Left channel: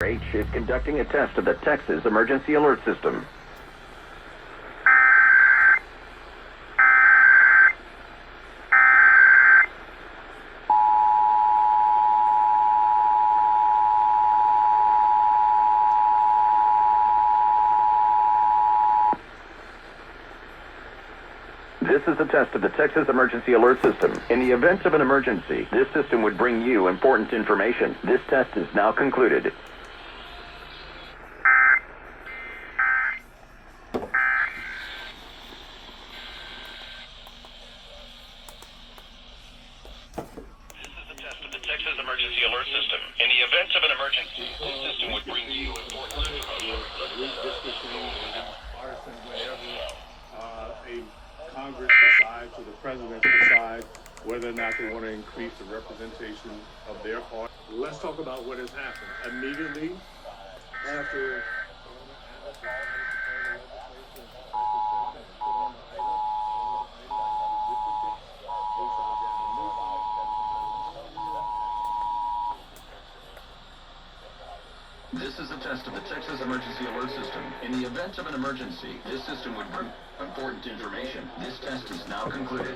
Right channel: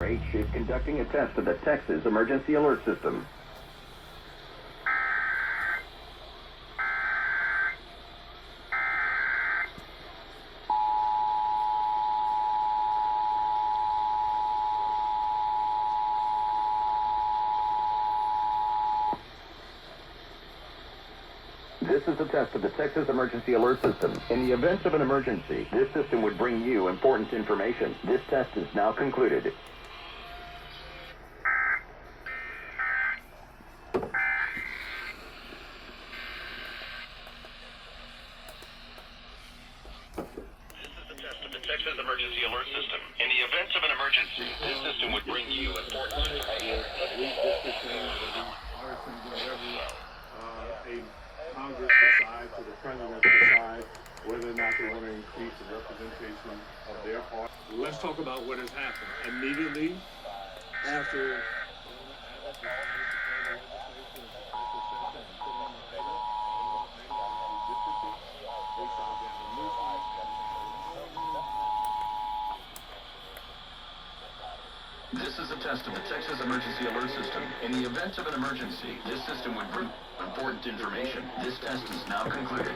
KTRH is conducting a test of the Texas Emergency Alert System. This is a test of the Texas Emergency Alert System. In the event of an emergency, this system would bring you important information. This test is now concluded. Texas Emergency Alert System. In the event of an emergency, this system would bring you important information. Congress decides or the president decides whether or not they want to increase the representation of their party. Let's talk about what has happened. Immediately after This is a test of the Texas Emergency Alert System. In the event of an emergency, this system would bring important information. This test is now concluded.